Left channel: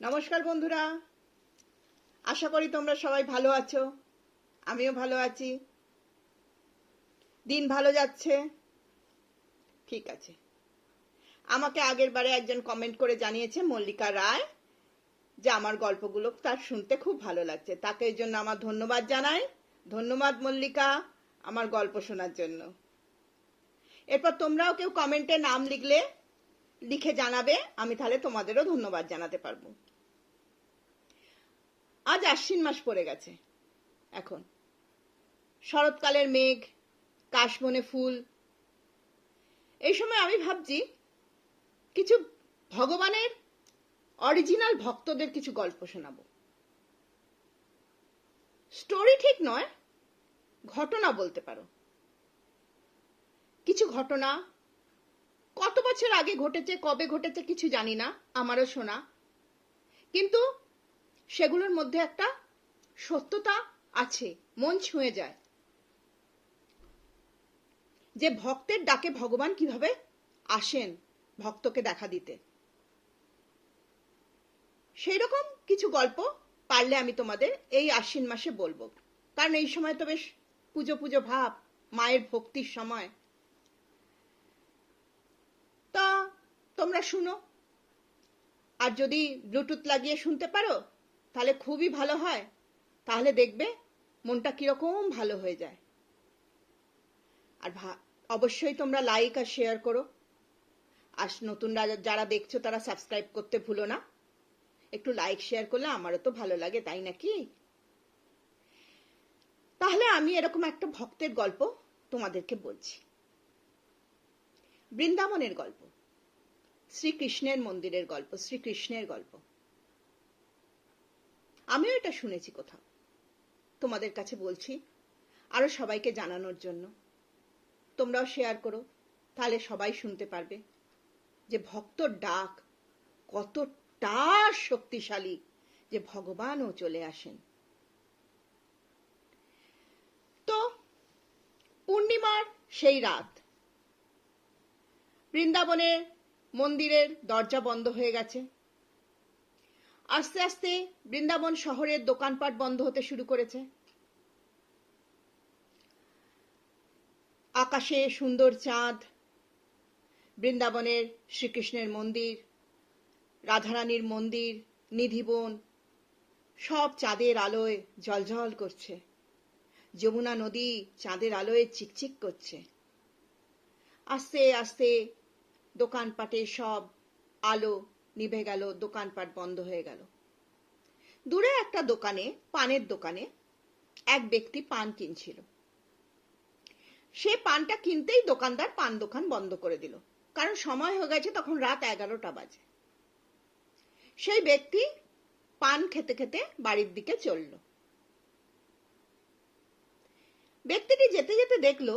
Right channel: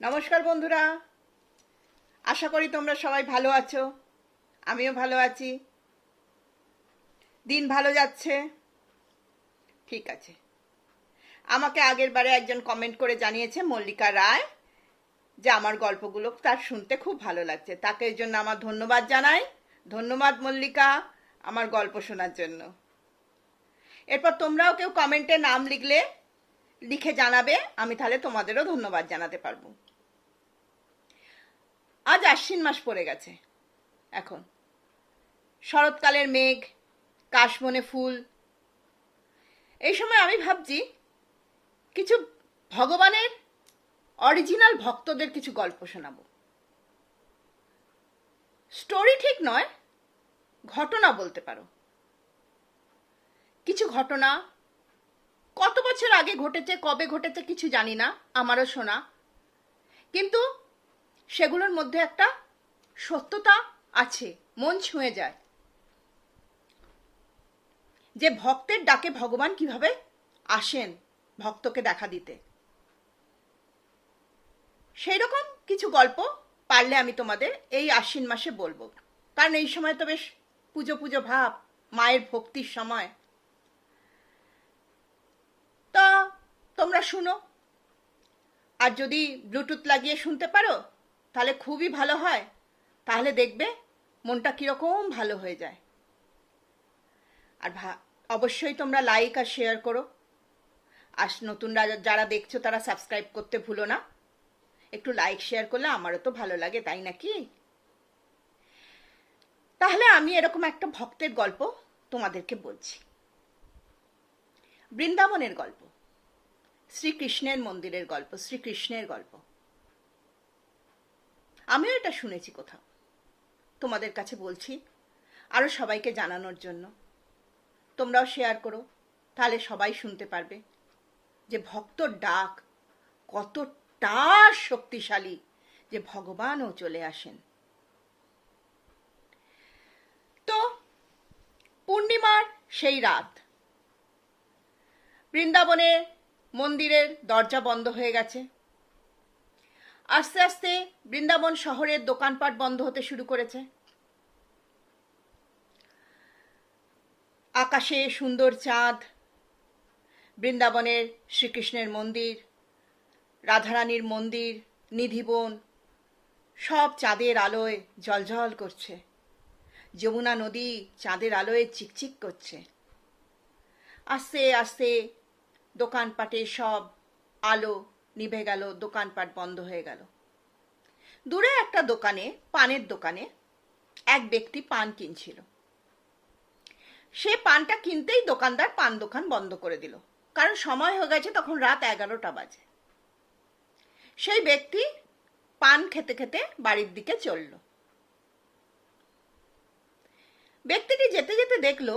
নমস্কার বন্ধুরা, আশা করি তোমরা সবাই ভালো আছো। আমিও ভালো আছি। দিন ভালো যাচ্ছে? ঠিক আছে। আমাকে আগের বারে একজন কমেন্ট করে জানিয়েছে, মল্লিকা রায়, যে আমার গল্পগুলো তার শুনতে খুব ভালো লাগছে। তাকে এর জন্য আমার ধন্যবাদ জানাই। ধন্যবাদ মল্লিকা, আমার গল্প শোনার জন্য। এরপর তোমরাও কেউ কমেন্টে নাম লিখে জানাবে, আমি তাহলে তোমাদেরও ধন্যবাদ জানাতে পারবো। আজ আশ্বিন মাস পড়ে গেছে। এখন শরৎকালের মেঘ, কাশবনে ফুল। এই সময় আমি ভাবছি কিছু ভগবানের অরিজিনাল ভক্তদের কিছু গল্প শোনাবো। স্টোরি ঠিক নয়, ঘটনা বলতে পারো। কিছু ঘটনা কত বছর আগে ঘটেছে, কবে ঘটেছে কিছু জানি না, আমারও শোনা, কিন্তু সেগুলোর মধ্যে একটা সত্যতা আছে, মন ছুঁয়ে যায়। যে ভক্তের ডাকে ভগবান কিভাবে আসেন ভক্তকে দেখা দিতে, সেই রকম কিছু গল্প পারলে আমি তোমাদের এই আশ্বিন মাসে বলবো। কারণ এই সময় তো বেশ পুজো পুজো ভাব, মায়ের ভক্তির সময়। তা তোমরা শুনো, আর যদি ব্লুটুথ লাগিয়ে শুনতে পারো তাহলে খুবই ভালো হয়। তাহলে দেখবে মনটা কিরকম ভালো হয়ে যায়। আর অবশ্যই তোমরা লাইক আর শেয়ার করো। আর নতুনরা যারা দেখছো তারা সাবস্ক্রাইব করতে ভুলো না। একটু লাইক শেয়ার করলে আমারও তো ভালো লাগে, তাই নাকি? তাহলে আমি এরকম একটা ভক্তের গল্প তোমাদেরকে বলছি। বৃন্দাবনের গল্প, শ্রীকৃষ্ণের মন্দিরের গল্প, শ্রীকৃষ্ণের গল্প। আমিও এটা শুনেছি কোথাও, তোমাদের কাছে বলছি আরো সবাইকে জানানোর জন্য। তোমরাও শেয়ার করো, তাহলে সবাই শুনতে পারবে যে ভক্তর ডাক কতটা শক্তিশালী, যে ভগবানও চলে আসেন। তো পূর্ণিমার সেই রাত, বৃন্দাবনে মন্দিরের দরজা বন্ধ হয়ে গেছে। আস্তে আস্তে বৃন্দাবন শহরের দোকানপাট বন্ধ হতে শুরু করেছে। আকাশে সুন্দর চাঁদ, বৃন্দাবনের শ্রীকৃষ্ণের মন্দির, রাধারানীর মন্দির, নিধিবন, সব চাঁদের আলোয় জ্বলজ্বল করছে। যমুনা নদী চাঁদের আলোয় চিকচিক করছে। আস্তে আস্তে দোকানপাটে সব আলো নিভে গেল, দোকানপাট বন্ধ হয়ে গেল। দূরে একটা দোকানে, পানের দোকানে, এক ব্যক্তি পান কিনছিল। সে পানটা কিনতেই দোকানদার পান দোকান বন্ধ করে দিল, কারণ সময় হয়ে গেছে, তখন রাত 11টা বাজে। সেই ব্যক্তি পান খেতে খেতে বাড়ির দিকে চলল। ব্যক্তিটি যেতে যেতে দেখলো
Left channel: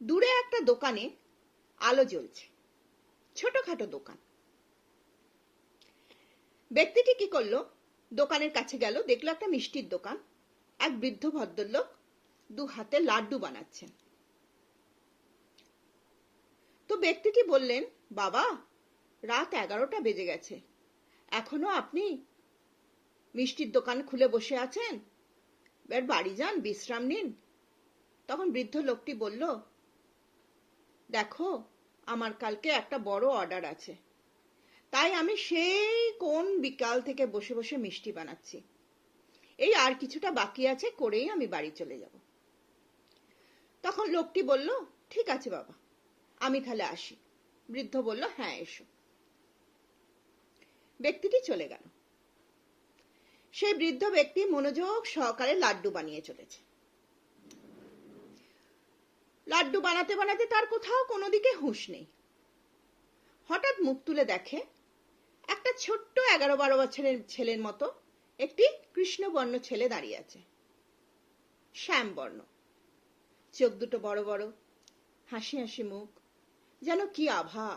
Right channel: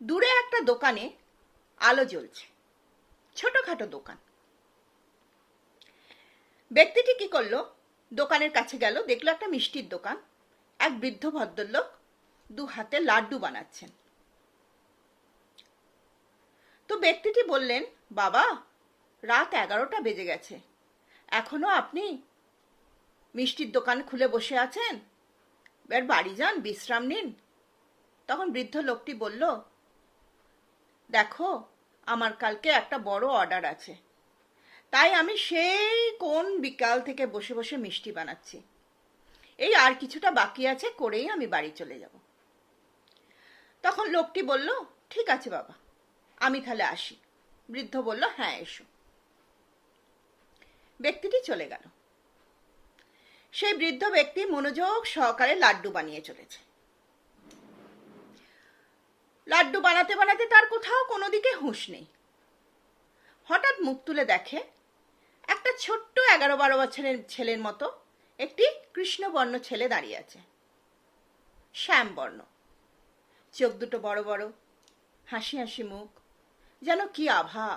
দূরে একটা দোকানে আলো জ্বলছে, ছোটখাটো দোকান। ব্যক্তিটি কি করলো, দোকানের কাছে গেল, দেখলো একটা মিষ্টির দোকান। এক বৃদ্ধ ভদ্রলোক 2 হাতে লাড্ডু বানাচ্ছেন। তো ব্যক্তিটি বললেন, বাবা, রাত 11টা বেজে গেছে, এখনো আপনি মিষ্টির দোকান খুলে বসে আছেন? এবার বাড়ি যান, বিশ্রাম নিন। তখন বৃদ্ধ লোকটি বলল, দেখো, আমার কালকে একটা বড় অর্ডার আছে, তাই আমি সেই কোন বিকাল থেকে বসে বসে মিষ্টি বানাচ্ছি। এই আর কিছুটা বাকি আছে, করেই আমি বাড়ি চলে যাব। তখন লোকটি বলল, ঠিক আছে বাবা, আমি তাহলে আসি। বৃদ্ধ বলল, হ্যাঁ এসো। ব্যক্তিটি চলে গেল। সেই বৃদ্ধ ব্যক্তি মনোযোগ সহকারে লাড্ডু বানিয়ে চলেছে। লাড্ডু বানাতে বানাতে তার কোথাও কোনো দিকে হুঁশ নেই। হঠাৎ মুখ তুলে দেখে একটা ছোট্ট 11-12 বছরের ছেলের মতো একটি কৃষ্ণবর্ণ ছেলে দাঁড়িয়ে আছে। শ্যামবর্ণ, চোখ দুটো বড় বড়, হাসি হাসি মুখ, যেন কি আভা!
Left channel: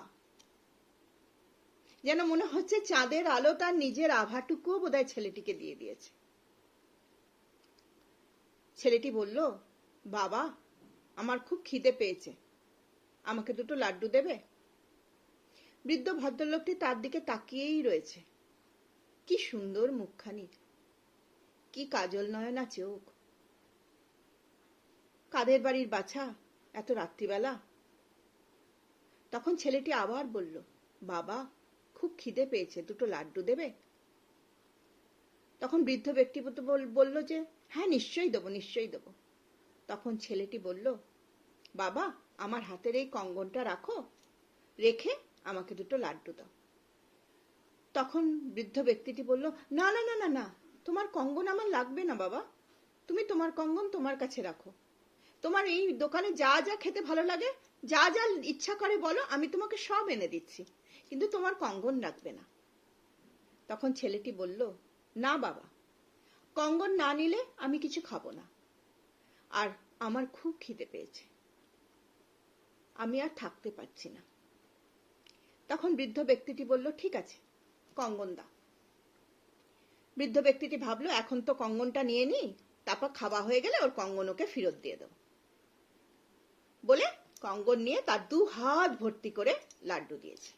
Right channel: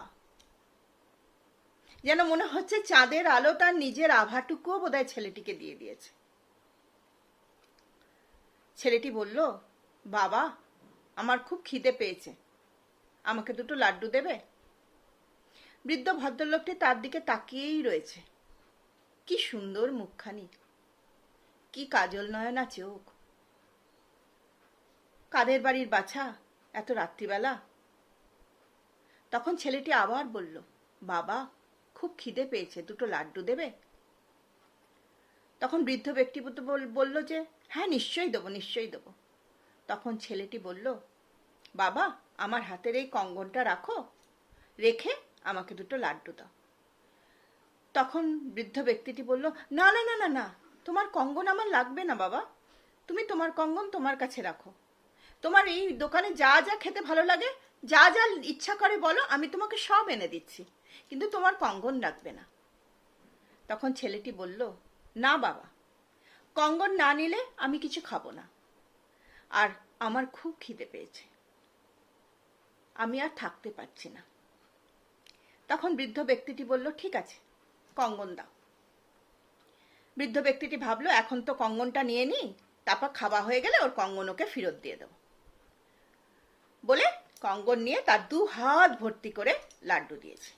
যেন মনে হচ্ছে চাঁদের আলো তার নিজের আভাটুকুও বোধহয় ছেলেটিকে দিয়ে দিয়েছে। ছেলেটি বলল, বাবা, আমার খুব খিদে পেয়েছে, আমাকে 2টো লাড্ডু দেবে? বৃদ্ধ ভদ্রলোকটি তার দিকে তাকিয়েই রয়েছে, কি সুন্দর মুখখানি, কি কাজল নয়না চোখ। কাদের বাড়ির বাছা এত রাত্রিবেলা? তখন ছেলেটি আবার বলল, বাবা খুব খিদে পেয়েছে, দুটো লাড্ডু দেবে? তখন বৃদ্ধ ব্যক্তি বলল যে হ্যাঁ নিশ্চয়ই দেবো, নিশ্চয়ই দেবো। তখন ছেলেটি বলল, বাবা আমার হাতের এই কঙ্গনটা রাখো, রেখে আমাকে দুটো লাড্ডু দাও। তখন বৃদ্ধ ব্যক্তিটি বলল, না না না না না, তোমার কঙ্গন আমার লাগবে না বাবা, তুমি তোমার কঙ্গন তোমার কাছে রাখো। তোমার এই দোকানে যা যা খেতে ভালো লাগে, যা যা ইচ্ছা করে বলো, আমি তোমাকে সব এনে দিচ্ছি, কিন্তু তোমার কঙ্গন লাগবে না। তখন ছেলেটি বলল, না বাবা, কঙ্গন না নিলে আমি কিছু খাবো না, আর আমার খুব খিদে পেয়েছে, আমি আর থাকতে পারছি না। তখন বৃদ্ধ ব্যক্তিটি বলল, ঠিক আছে কঙ্গন দাও। বৃদ্ধ ব্যক্তিটি ভাবলো এখন তো কঙ্গনটা নিয়ে নিই, তারপর খাওয়া হয়ে গেলে ওর কঙ্গন ওকে ফেরত দিয়ে দেবো বলে কঙ্গন নিয়ে তার 2 হাত ভর্তি করে লাড্ডু দিয়েছে।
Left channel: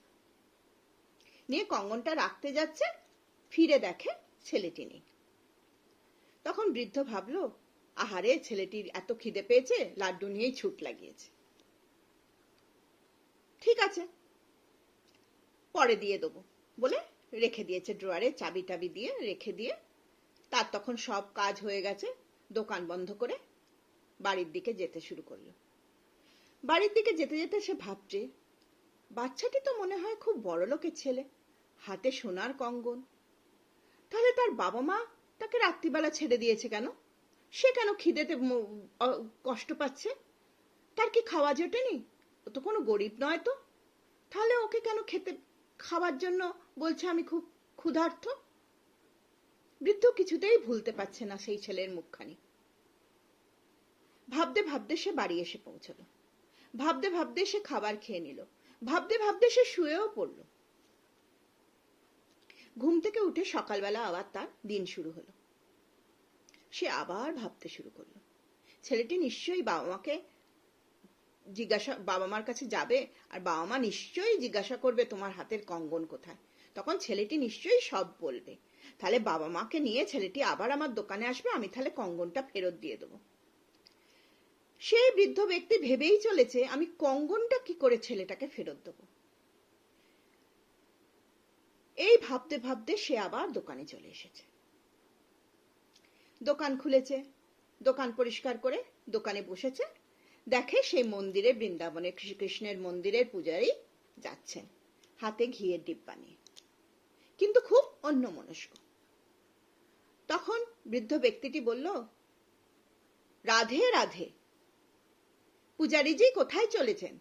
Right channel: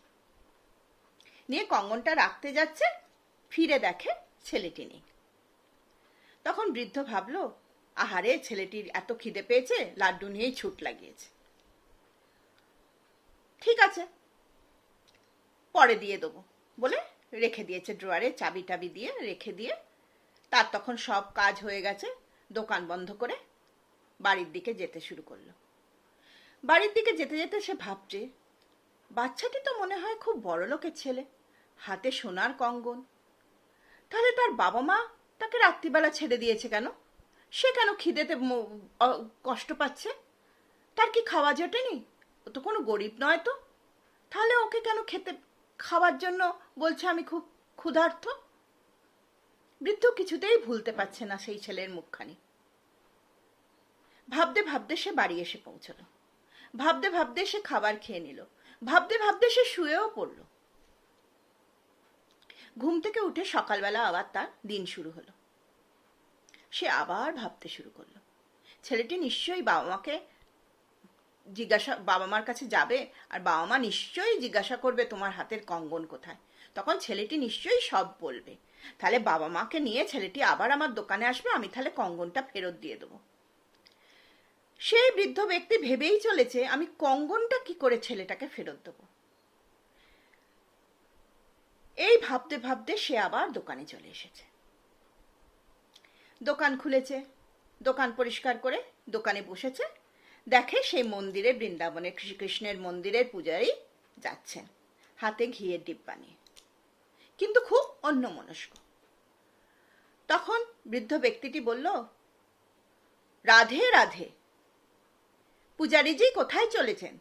নিয়ে কঙ্গনটা রাখতে যাচ্ছে, ফিরে দেখে ছেলেটি নেই। তখন বৃদ্ধ ভাবলো, আহারে ছেলেটির এত খিদে পেয়েছে, লাড্ডু নিয়েই ছুট লাগিয়েছে, ঠিক আছে পরে দিয়ে দেবো বলে রেখে দিয়েছে ড্রয়ারে, চাবি টাবি দিয়ে রেখে দিয়ে তার তখন সব কাজ হয়ে গেছে, দোকান বন্ধ করে বাড়ির দিকে যেতে শুরু করলো। বাড়ির দিকে যেতে যেতে সে ভাবছে, বাচ্চাটি তো মনে হয় খুব বড় লোকের ছেলে, হাতে সোনার কঙ্গন, তাহলে তার বাবা মা তাকে রাত্রিবেলা ছেড়ে দিয়েছে কেন? সে কেন খিদেতে কষ্ট পাচ্ছে? তার কি খাওয়া জোটেনি? ও তো কোনো গরিব নয় তো, তাহলে ওকে কেন খাওয়ার জন্য বলছে আমি খুব ক্ষুধার্ত? বৃদ্ধ কিছুতেই ভুলতে পারছে না সেই ছেলের মুখখানি। ভাবতে ভাবতে সে বাড়ি এসে পৌঁছলো, ভাবতে ভাবতে সে খাবার খেয়ে নিল, ভাবতে ভাবতে সে শুয়েও পড়ল। ঘুম থেকে উঠে সকালবেলা আবার তার দিন শুরু হলো। সে আবার ভাবতে শুরু করলো, ছেলেটি নিশ্চয়ই বাবা মার কাছে যাবে, আর বাবা মা নিশ্চয়ই জিজ্ঞাসা করবে তোমার হাতের কঙ্গন কোথায়। তখন ছেলেটি নিশ্চয়ই সব বলবে, তাহলে বাবা মাকে নিয়ে ছেলেটি আবার আমার দোকানে আসবে, আমি তাহলে কঙ্গনটা ফেরত দিয়ে দেবো। সেই বৃদ্ধ ব্যক্তি ভেবেই চলেছে আমি কঙ্গনটা কি করে ছেলেটাকে ফেরত দেবো। এই ভাবতে ভাবতে সে আবার দোকানে চলে এসেছে। দোকান খুলেছে, দোকান পরিষ্কার করে দোকানে বসেছে, দেখে সেই মন্দিরে, বৃন্দাবনের শ্রীকৃষ্ণের মন্দিরের পূজারী যাচ্ছেন হাতে ঘিয়ের ডিব্বা নিয়ে, কিন্তু খুব অন্যমনস্ক। তখন বৃদ্ধ ব্যক্তিটি বলল, রাধে রাধে, পূজারীজি কোথায় চলেছেন,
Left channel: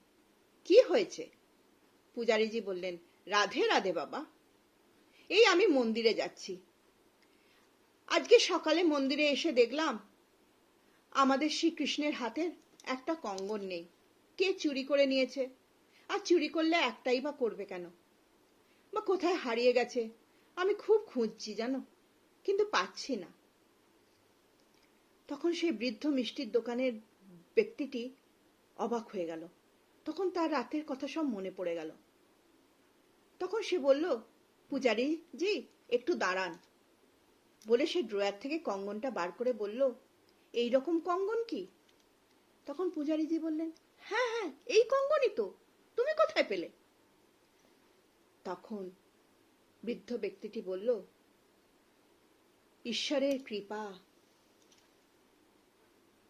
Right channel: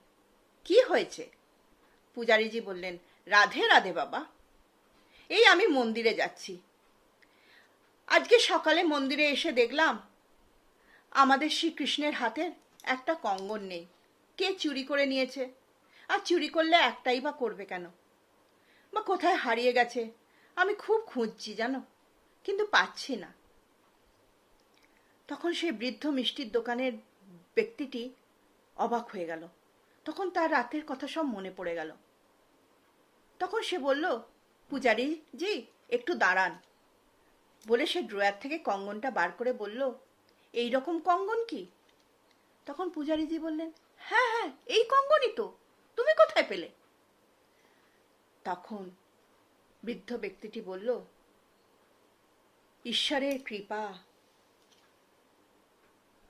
কি হয়েছে? পূজারীজি বললেন, রাধে রাধে বাবা, এই আমি মন্দিরে যাচ্ছি, আজকে সকালে মন্দিরে এসে দেখলাম আমাদের শ্রীকৃষ্ণের হাতের একটা কঙ্গন নেই, কে চুরি করে নিয়েছে, আর চুরি করলে একটাই বা করবে কেন, বা কোথায় হারিয়ে গেছে, আমি খুব খুঁজছি জানো, কিন্তু পাচ্ছি না। তখন সেই বৃদ্ধ মিষ্টির দোকানের ব্যক্তিটি অবাক হয়ে গেল, তখন তার রাতের কথা সব মনে পড়ে গেল। তখন সে বলল, পূজারী জি একটু দাঁড়ান, বলে সে ড্রয়ার থেকে কঙ্গনটা বার করে বলল, এই রকম কঙ্গন কি? তখন পূজারীজি বললেন, হ্যাঁ হ্যাঁ এই কঙ্গনই তো, তুমি কোথায় পেলে? তখন বৃদ্ধ ব্যক্তিটি বলল, ঈশ্বরের কৃপা,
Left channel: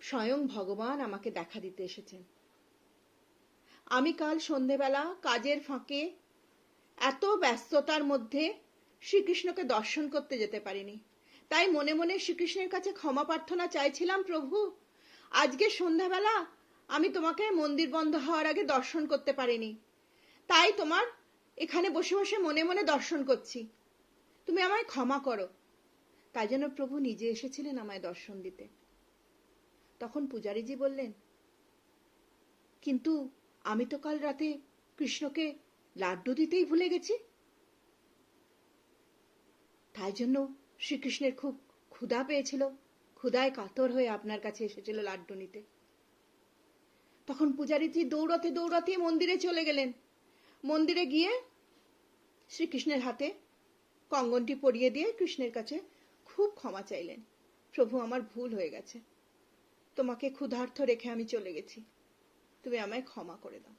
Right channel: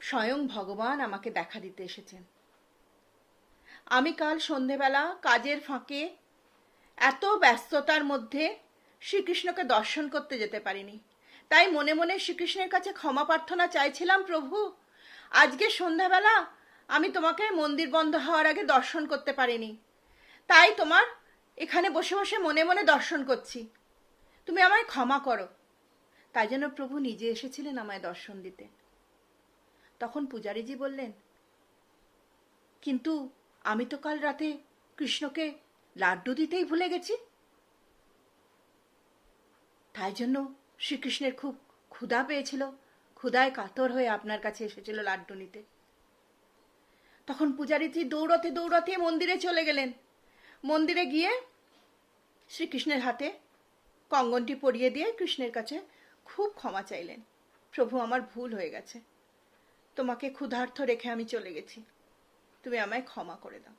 স্বয়ং ভগবান আমাকে দেখা দিতে এসেছেন। আমি কাল সন্ধেবেলা কাজের ফাঁকে এত ব্যস্ততার মধ্যে শ্রীকৃষ্ণকে দর্শন করতে যেতে পারিনি, তাই মনে মনে শ্রীকৃষ্ণের কাছে ক্ষমা প্রার্থনা চাইছিলাম, প্রভু আজকে সন্ধ্যাবেলা আমি তোমাকে মন্দির বন্ধ হওয়ার আগে দর্শন করতে পারিনি, তাই তোমার এখানে বসে বসে মনে মনে দর্শন করছি, তুমি আমায় ক্ষমা করো। তাই জন্য প্রভু নিজে এসেছিলেন আমায় দর্শন দিতে। তখন পূজারীজি বললেন, কিন্তু আমি তো কাল রাতে কৃষ্ণকে লাড্ডু দিতেই ভুলে গেছি, তাই জন্য শ্রীকৃষ্ণের খুব ক্ষুধা পেয়েছিল, ক্ষুধায় কাতর হয়ে আপনার কাছে এসেছিল লাড্ডু নিতে। তখন পূজারীজি দৌড়তে দৌড়তে মন্দিরে চলে গেলেন। মন্দিরে গিয়ে শ্রীকৃষ্ণের হাতে কঙ্গনটি পরিয়ে দিয়ে কৃষ্ণের কাছে খুব ক্ষমা চাইলেন। প্রভু, আমার ভুল হয়ে গেছে, তোমাকে ক্ষুধার্ত রেখে আমি চলে গেছি, তুমি আমায় ক্ষমা করে দাও।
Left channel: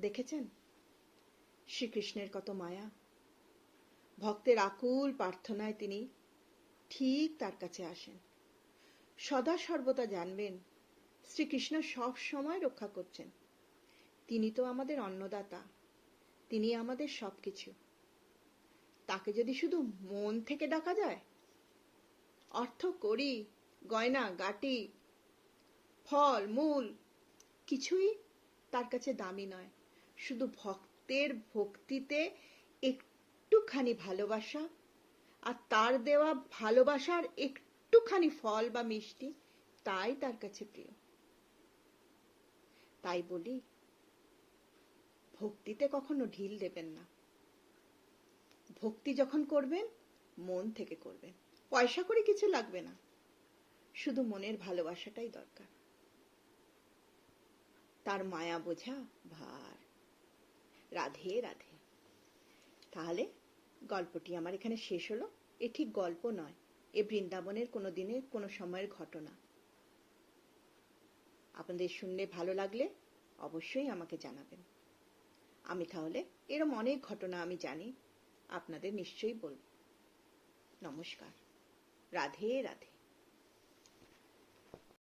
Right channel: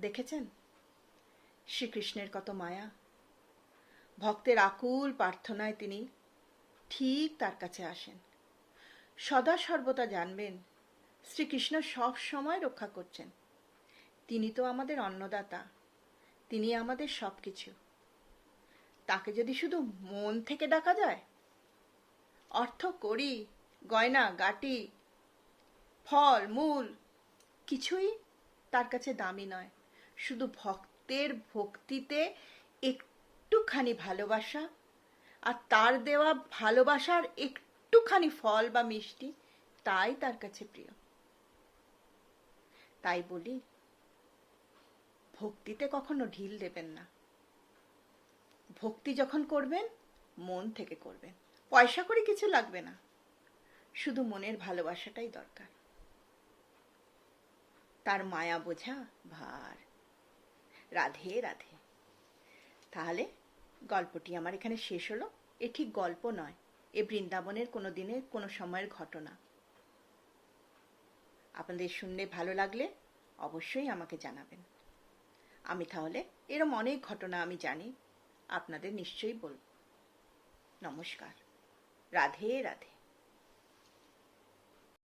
দেখেছেন শ্রীকৃষ্ণের কত মায়া। ভক্তের আকুল প্রার্থনায় তিনি ঠিক তার কাছে আসেন। সদা সর্বদা জানবেন শ্রীকৃষ্ণ সব সময় রক্ষা করছেন। তিনি তো আমাদের অন্নদাতা, তিনি আমাদের সব কিছু। তাকে যদি শুধু মন থেকে ডাকা যায়, অর্থ কড়ি গয়না গাটি ফল মূল কিছুই তার কাছে দামি নয়। শুধু ভক্তের ভক্তিতে একটুখানি ভালোবাসা, আর তার দেওয়া ভালোবাসার একটুখানি ফল বা মিষ্টি, তাই তার কাছে প্রিয়। তাই বলি, ভক্তিতে কখনো ঢিল দেবেন না। ভক্তি যখন করবেন মন থেকে করবেন, পয়সা করে কিছু লাগবে না, শুধু মনের ভালোবাসাটাই দরকার। তার মায়া বোঝা ভার। রাধে রাধে। তাহলে গল্পটি আমার এখানে শেষ হলো। এ ঠিক গল্প নয়, এ বৃন্দাবনের কোনো দিনের কোনো সময়ের ঘটনা। আপনাদের শুনলে ভালো লাগলে অবশ্যই আমাকে জানাবেন। আমি তাহলে এরম অনেক ঘটনা আমি জানি, আপনাদের নিশ্চয়ই বলব। নমস্কার। রাধে রাধে।